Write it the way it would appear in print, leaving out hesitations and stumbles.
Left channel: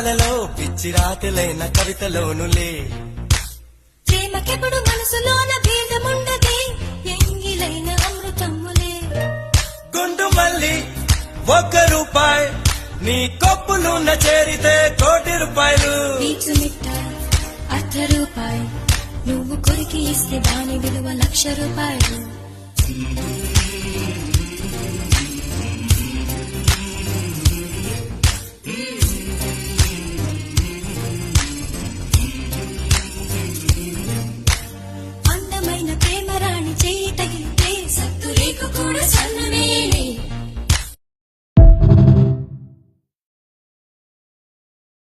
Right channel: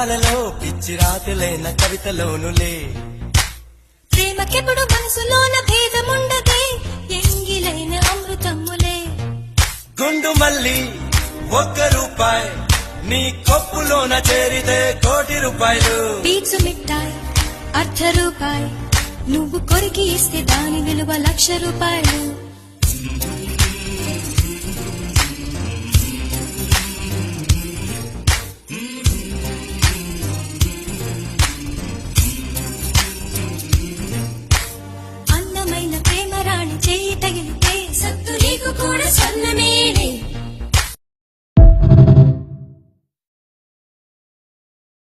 పాటలలో పిచ్చి రాత్రులైన కవితలోనులే ప్రేమకెప్పుడు మనసులోన భేదముండదే ఎంగిలైన అమృతములే గుండు మల్లి ₹1 నీ కొప్పులోన చేరితే ₹1,00,00,000 పీచు మిఠాయి ₹1 నువ్వు కొరికి ఇస్తే దాని విలువ ₹1,00,000